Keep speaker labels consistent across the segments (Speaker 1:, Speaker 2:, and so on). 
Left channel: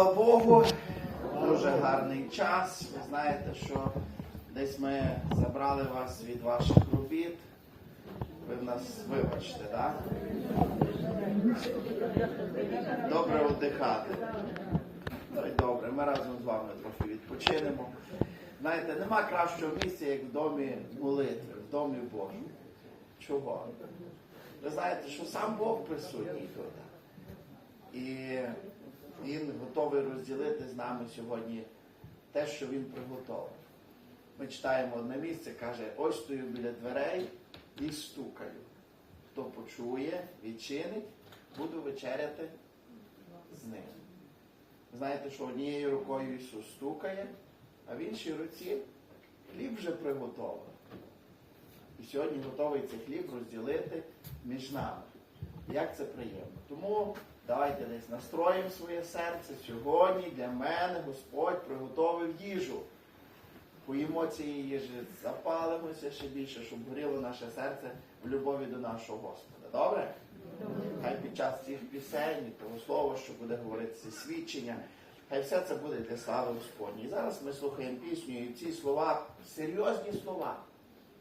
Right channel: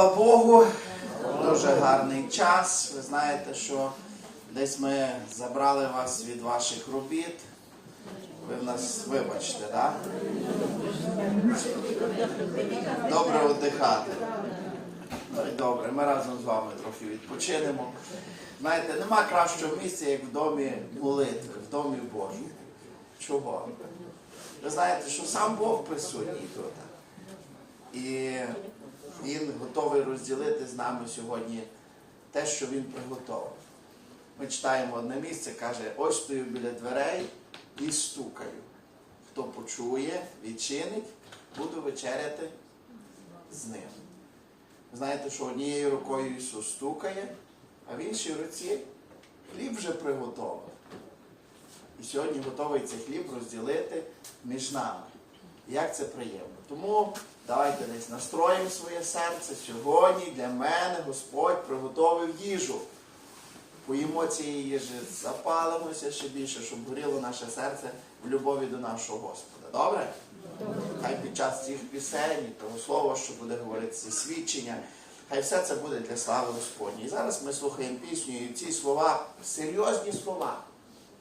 Speaker 1: Слава Богу, дуже гарний час. Ви знаєте, що десь ми забрали вас від ваших робіт. Ви в нас вибачте, так? Добре оддихати. Ну і добре, ми разом з вами трохи відпочинемо. Знаєте, нема кращого місця, як в домі молитви, в домі Божому. Чого? Ви знаєте, що сам Бог присутній тут. І він готовий розділити з нами сьогодні те, що він приготував. Ми читаємо одне місце, каже, ось стою біля дверей і стукаю. Хто почує, відчинить, буду вечеряти з ним. Знаєте, що однією рукою Ісус стукає, а в іншій руці хліб вже приготовлений. І сьогодні готовий цей хліб розділити між нами. Як це приємно. Тому давайте десь настроїмо своє серце. Сьогодні для мене Господь приготовив їжу. Поїмо цієї їжі, запалимося ще більше, щоб горіло наше серце в любові до нашого Господа. Добре? Хай під час цих пісень, того слова, що буде говоритися, свідчення, хай все це буде для слави Господній. І зараз ми слухаємо пісню, і ці слова серйозні слова.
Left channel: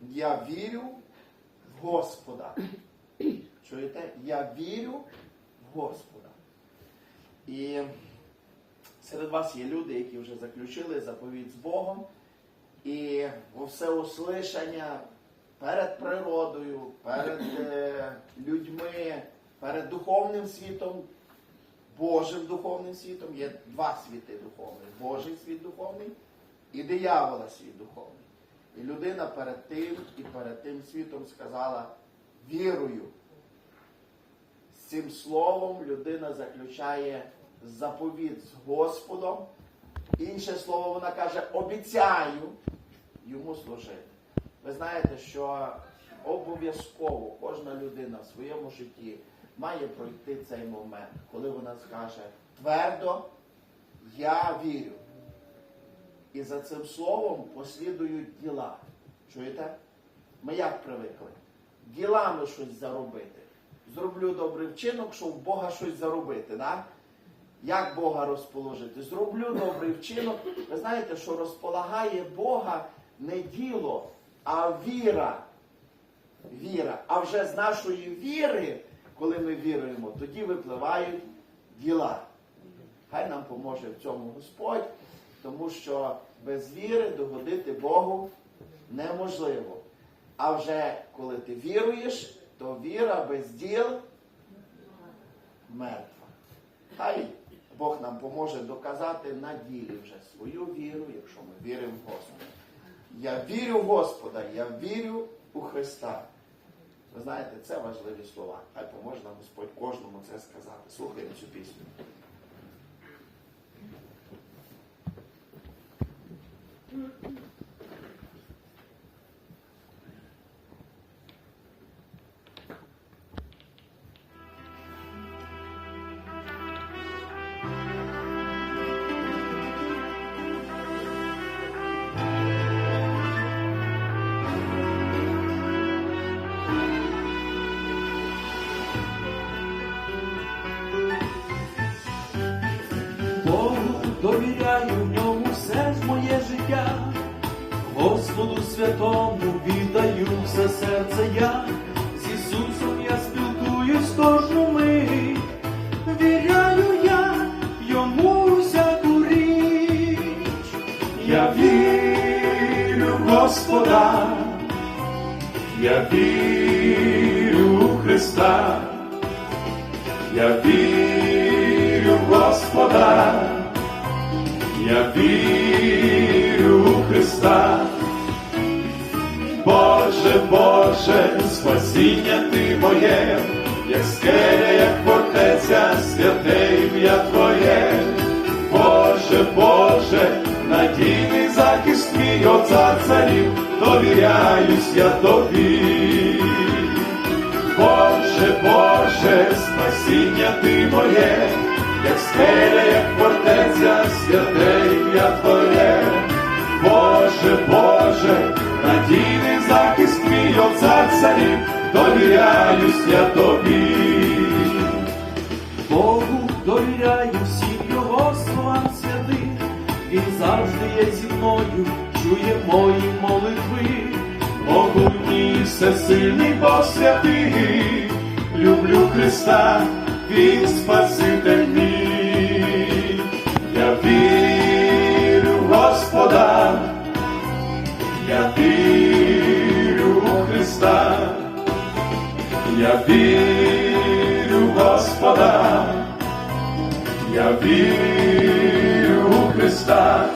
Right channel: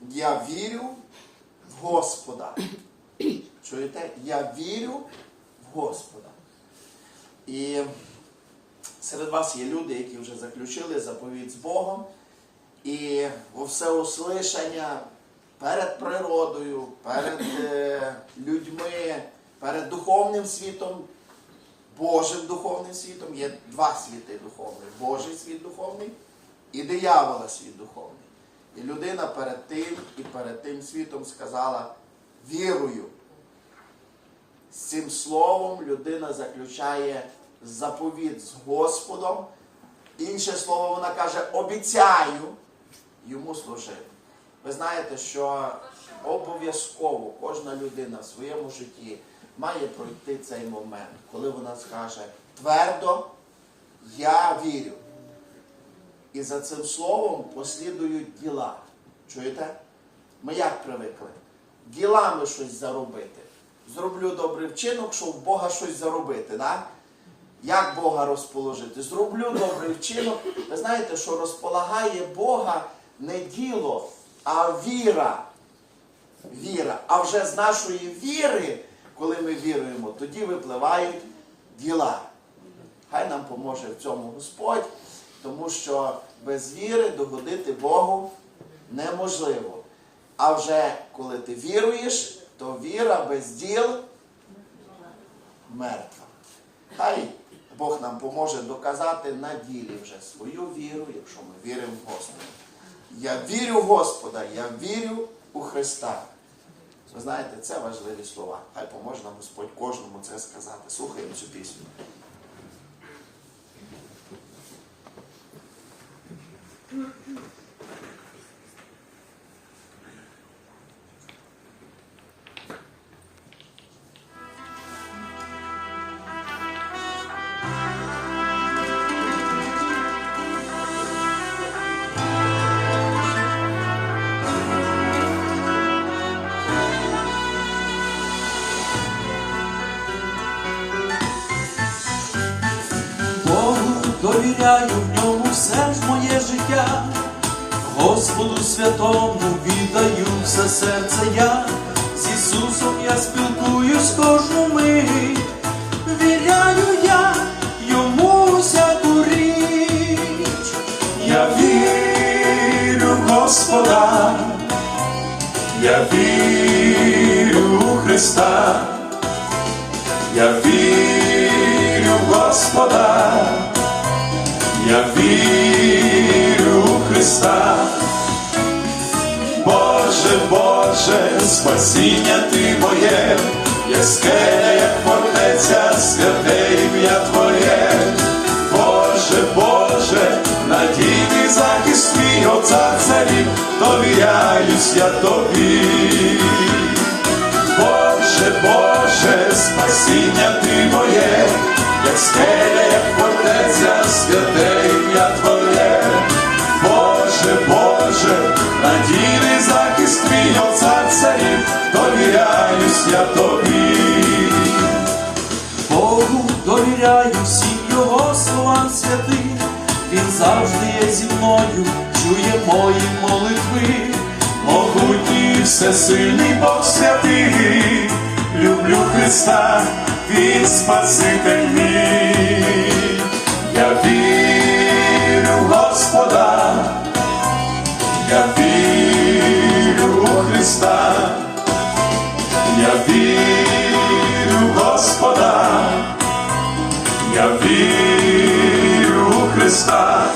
Speaker 1: Я вірю в Господа. Чуєте? Я вірю Господа. І серед вас є люди, які вже заключили заповідь з Богом. І во всеуслишання перед природою, перед е, людьми, перед духовним світом, Божим духовним світом є два світи духовних: Божий світ духовний і диявола світ духовний. І людина перед тим і перед тим світом сказала вірую. З цим словом людина заключає заповіт з Господом. Інше слово вона каже, обіцяю йому служити. Ви знаєте, що обов'язково кожна людина в своєму житті має пройти цей момент, коли вона скаже твердо, я вірю. І за цим словом послідують діла. Чуєте? Ми як привикли? Ділами щось заробити. Зроблю добрий вчинок, щоб Бога щось заробити. Да? Як Бога розположити? Зроблю добрий вчинок. Ви знаєте, що розполагає Бога не діло, а віра. Віра. А вже з нашої віри, коли ми віруємо, тоді випливають діла. Хай нам поможе в цьому Господь, тому що без віри догодити Богу неможливо. А вже коли ти віруєш, то віра без діл мертва. Хай Бог нам поможе доказати на ділі вже свою віру, якщо ми віримо в Господа. Я вірю в Господа, я вірю у Христа. Ви знаєте, це важливі слова. Хай поможе нам Господь кожному це сказати. Слухаємо цю пісню.
Speaker 2: Богу довіряю в ньому все ж моє життя, Господу святому віддаю все серце я, з Ісусом я спілкуюсь кожну мить, віряю я йому всяку річ, я вірю в Господа, я вірю у Христа. Я вірю я вірю у Христа. Боже, Боже, спасіння Ти моє, як скеля, як фортеця, святе ім'я Твоє. Боже, Боже, надійний захист твій отця царів, довіряюсь я тобі. Боже, Боже, спасіння Ти моє, як скеля, як фортеця, святе ім'я Твоє. Боже, Боже, надійний захист твій, о цар царів, довіряюсь я тобі. Богу довіряю всім його словам. святих, він завжди є зі мною, чує мої молитви, могутній всесильний Бог святий, люблю Христа, він Спаситель мій, я вірю в Господа, я вірю у Христа. Я вірю в Господа, я вірю у Христа.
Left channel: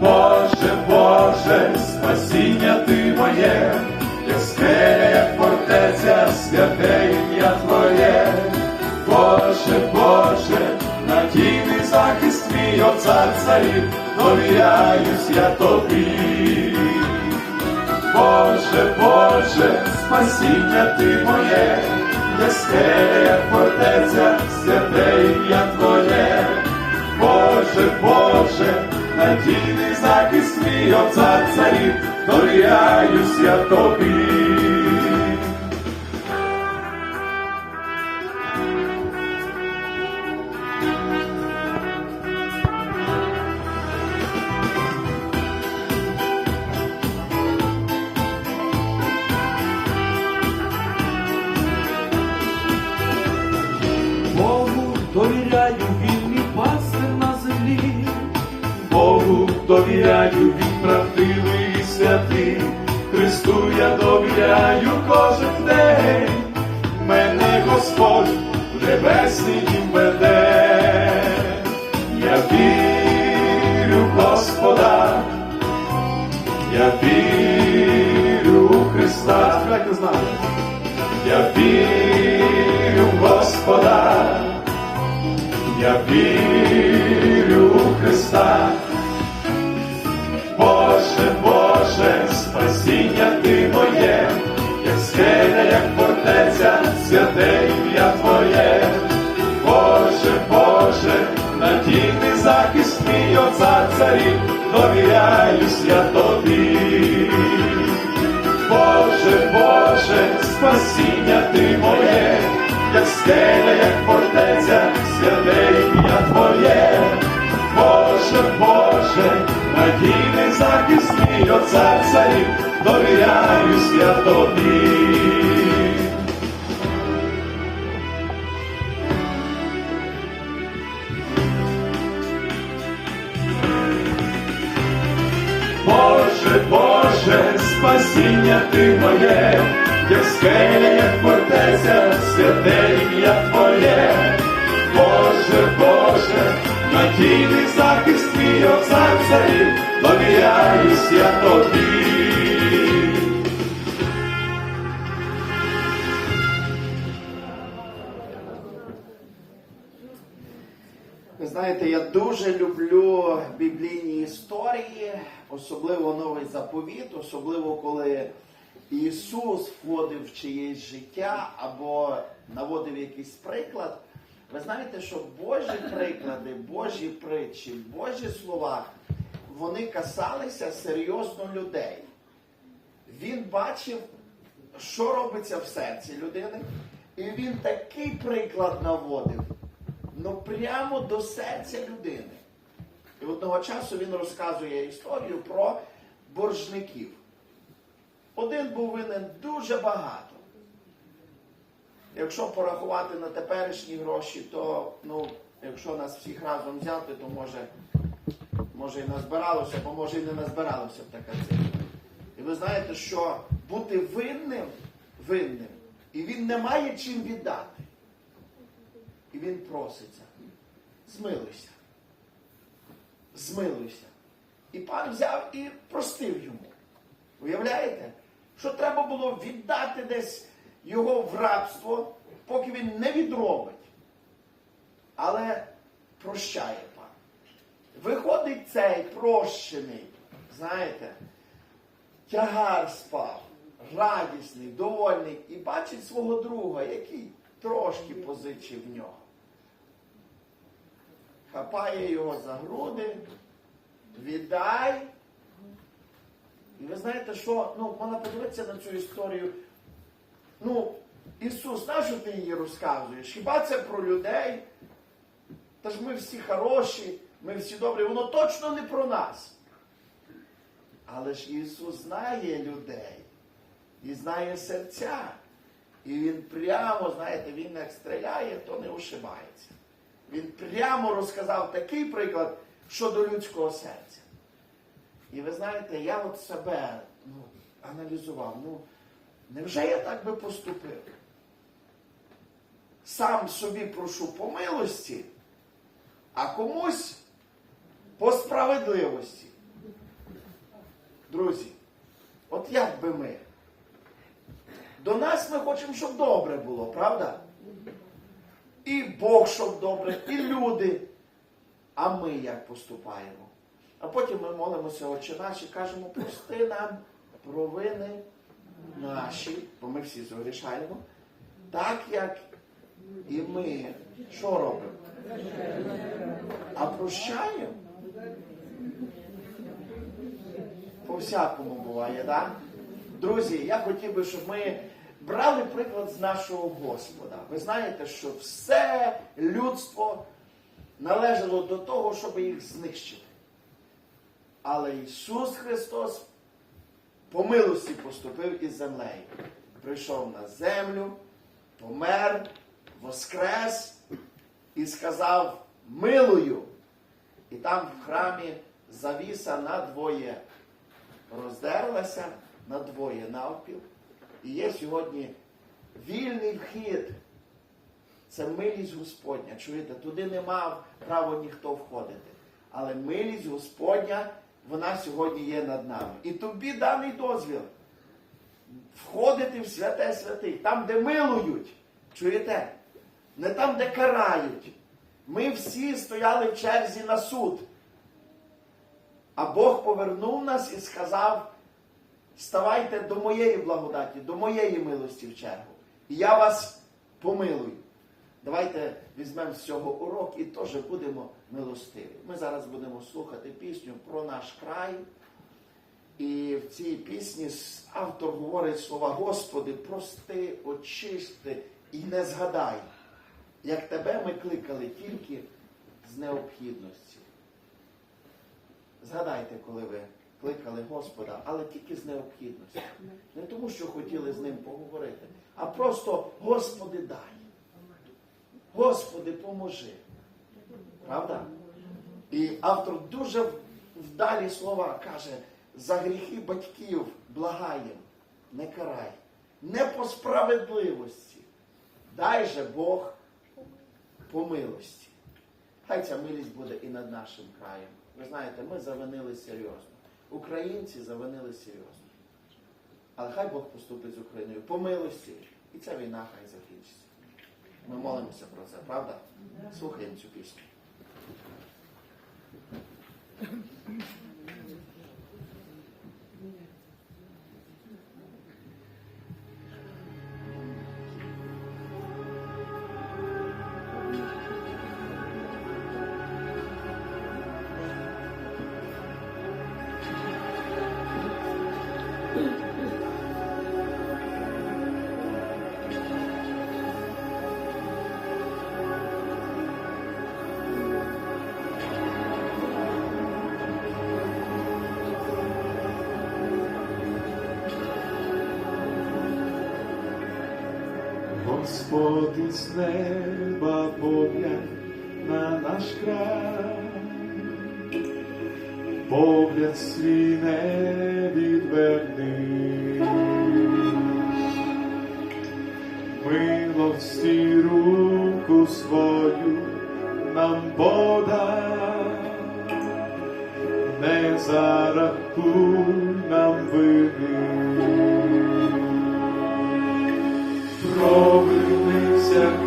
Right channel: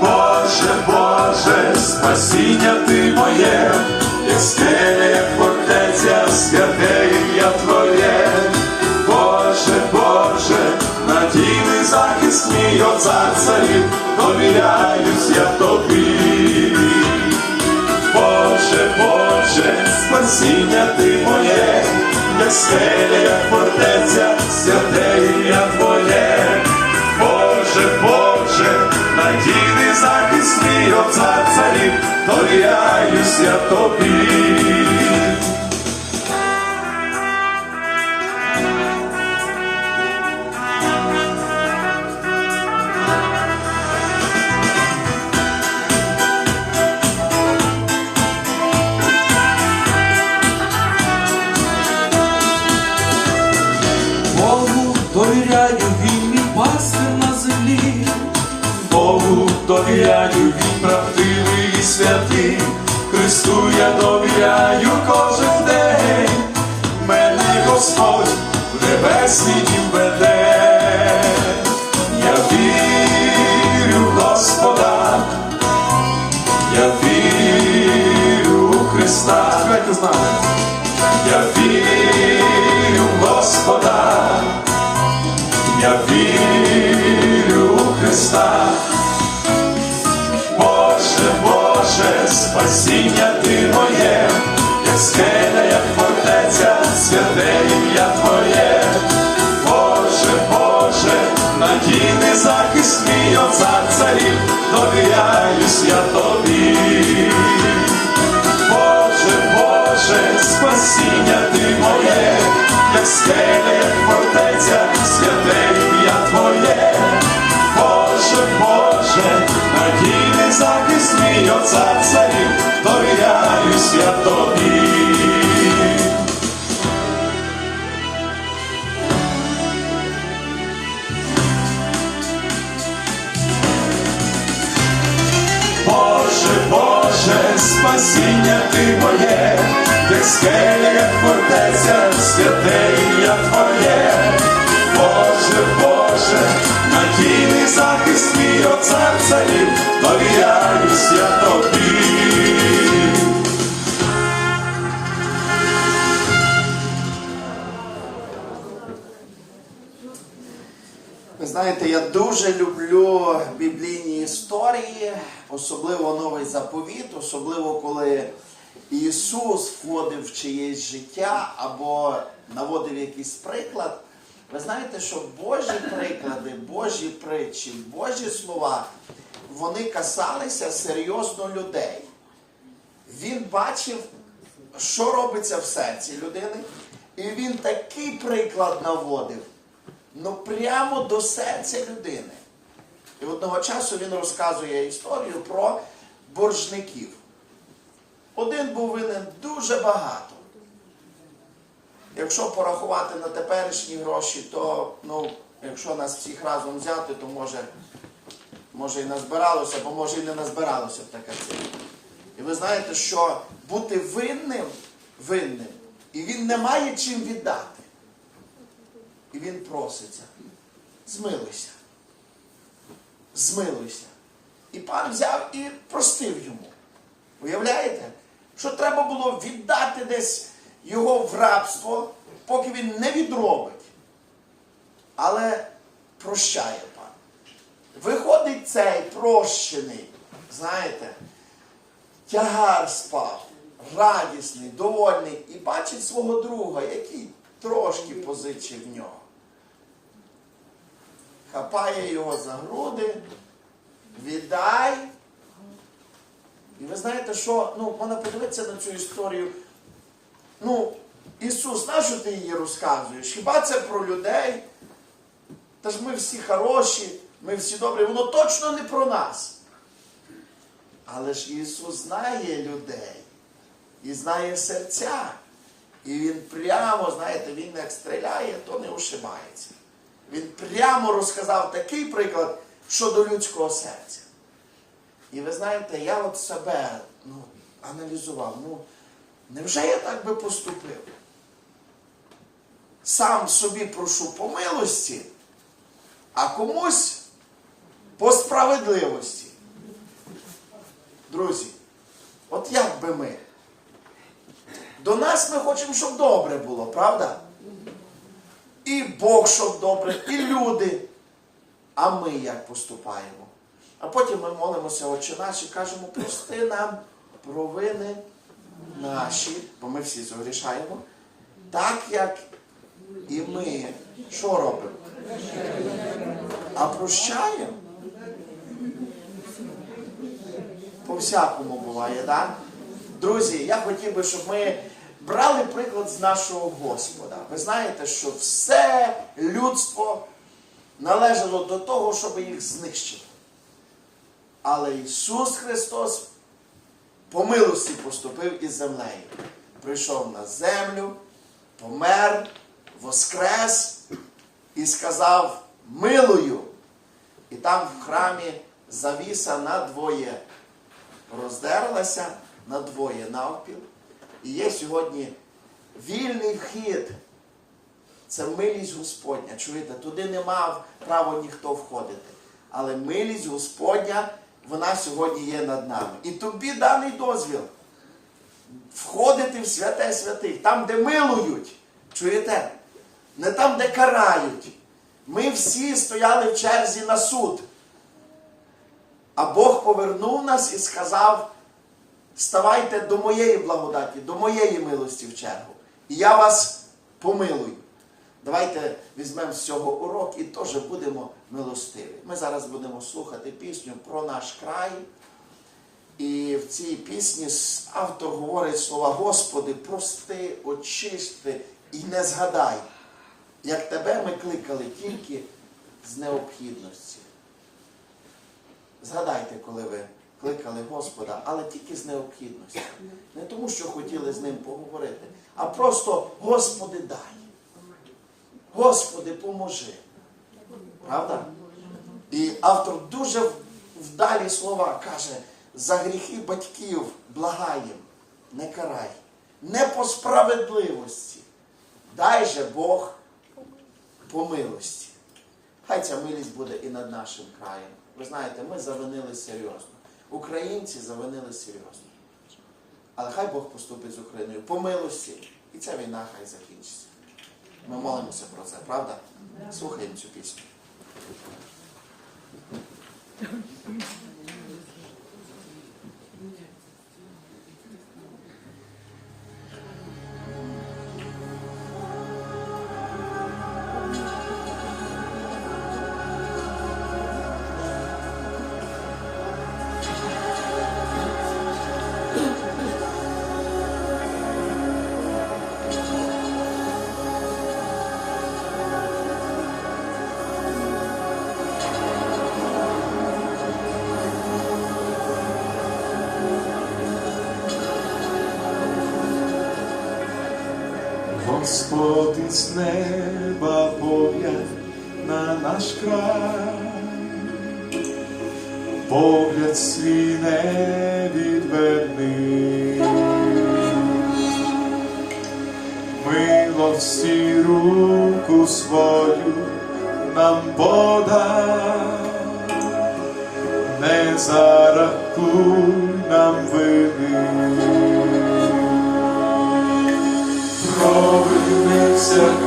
Speaker 2: Боже, Боже, спасіння Ти моє, як скеля, як святе ім'я Твоє. Боже, Боже, надійний захист мій, о цар царів, довіряюсь я тобі. Боже, Боже, спасіння ти моє, як скеля, як фортеця, святе ім'я Твоє. Боже, Боже, надійний захист мій, о цар царів, довіряюсь я тобі. Довіряю, він правдивий і святий. Христу я довіряю кожен день. Мене Господь в небесний дім веде. Я вірю Господа, я вірю у Христа. Я вірю Господа, я вірю захист мій, о цар царів, довіряюсь я тобі. Боже, Боже, спасіння ти моє, як скеля, як фортеця, святе ім'я Твоє. Боже, Боже, надійний захист мій, о царів, довіряюсь я тобі. Спасіння ти моє, як скеля, як фортеця, святе ім'я Твоє. Боже, Боже, надійний захист мій, о цар царів, довіряюсь я тобі.
Speaker 1: Дуже люблю біблійні історії, особливо новий заповіт, особливо коли Ісус входив в чиєсь життя або наводив якийсь приклад. Ви знаєте, що Божі приклади, Божі притчі, Божі слова, вони касалися серйозно людей. Він бачив, що робиться в серці людини, і він такий приклад наводив, ну прямо до серця людини. І одного часу він розказує історію про боржників. Один був винен дуже багато. Якщо порахувати на теперішні гроші, то ну, якщо нас всіх разом взяти, то може, може і назбиралося, бо може і не назбиралося б така цифра. І ви знаєте, що бути винним, винним, і він не має чим віддати. І він проситься. Змилуйся. Змилуйся. І пан взяв і простив йому. Уявляєте? Що треба було віддати десь його в рабство, поки він не відробить. Але прощає пан. Виходить цей прощений, знаєте, тягар спав, радісний, довольний, і бачить свого друга, який трошки позичив в нього. Хапає його за груди, віддай. І ви знаєте, що ну, можна подивитися на цю історію. Ну, Ісус, на що ти її розказуєш? Хіба це про людей? Та ж ми всі хороші, ми всі добрі, воно точно не про нас. Але ж Ісус знає людей і знає серця. І Він прямо, знаєте, Він як стріляє, то не ушибається. Він прямо розказав такий приклад щодо людського серця. І ви знаєте, я от себе ну, аналізував. Ну, невже я так би поступив? Сам собі прошу по милості, а комусь по справедливості. Друзі, от як би ми? До нас ми хочемо, щоб добре було, правда? І Бог, щоб добре, і люди. А ми як поступаємо? А потім ми молимося, Отче наш, і кажемо, прости нам провини наші, бо ми всі згрішаємо, так як і ми що робимо? А прощаємо? По всякому буває, так? Да? Друзі, я хотів би, щоб ми брали приклад з нашого Господа. Ви знаєте, що все людство належало до того, щоб їх знищити. Але Ісус Христос по милості поступив із землею. Прийшов на землю, помер, воскрес і сказав милую. І там в храмі завіса надвоє роздерлася надвоє навпіл. І є сьогодні вільний вхід. Це милість Господня. Чуєте, туди не мав права ніхто входити. Але милість Господня, вона сьогодні є над нами. І тобі даний дозвіл входити в святе святих, там, де милують. Чуєте? Не там, де карають. Ми всі стояли в черзі на суд. А Бог повернув нас і сказав: ставайте до моєї благодаті, до моєї милості в чергу. І я вас помилую. Давайте візьмемо з цього урок і теж будемо милостиві. Ми зараз будемо слухати пісню про наш край. І в цій пісні автор говорить слова Господи, прости, очисти і не згадай, як тебе ми кликали тільки з необхідності. Згадайте, коли ви кликали Господа, але тільки з необхідності. Не тому, що хотіли з ним поговорити, а просто Господи дай. Господи, поможи. Правда? І автор дуже вдалі слова каже, за гріхи батьків благаєм, не карай, не по справедливості. Дай же Бог по милості. Хай ця милість буде і над нашим краєм. Ви знаєте, ми завинили серйозно. Українці завинили серйозно. Але хай Бог поступить з Україною по милості, і ця війна хай закінчиться. Ми молимося про це, правда? Слухаємо цю пісню.
Speaker 2: Господи з неба погляд на наш край, погляд свій не відверни,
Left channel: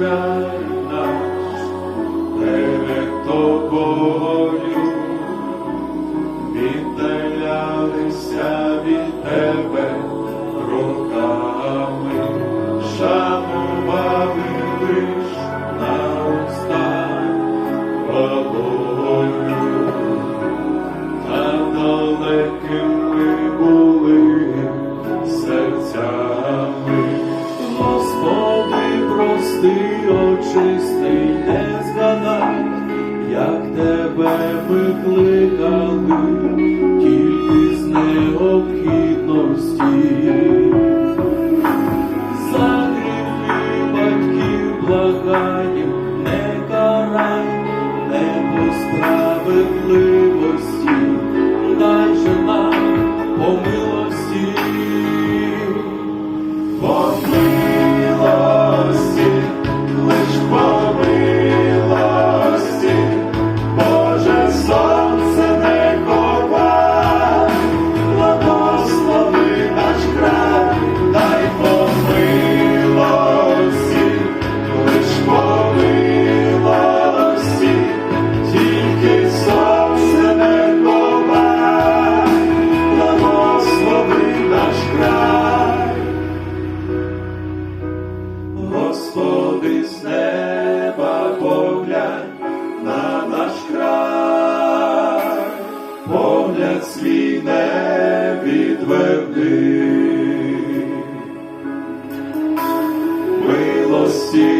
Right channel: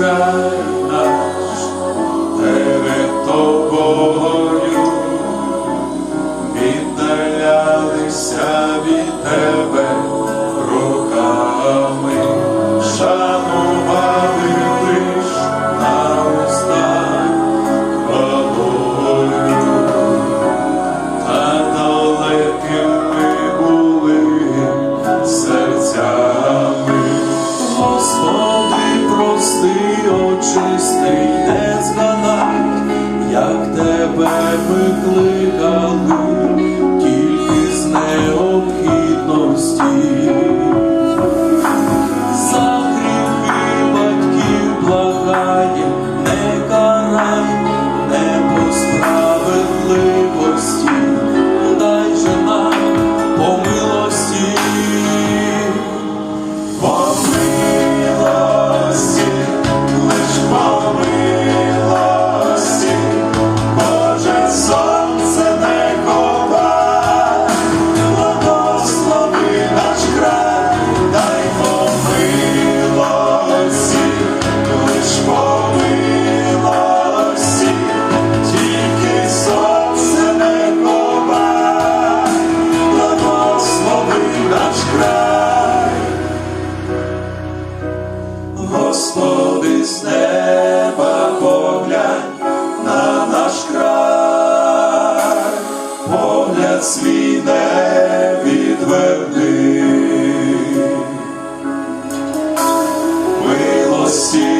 Speaker 2: right. Тебе Милості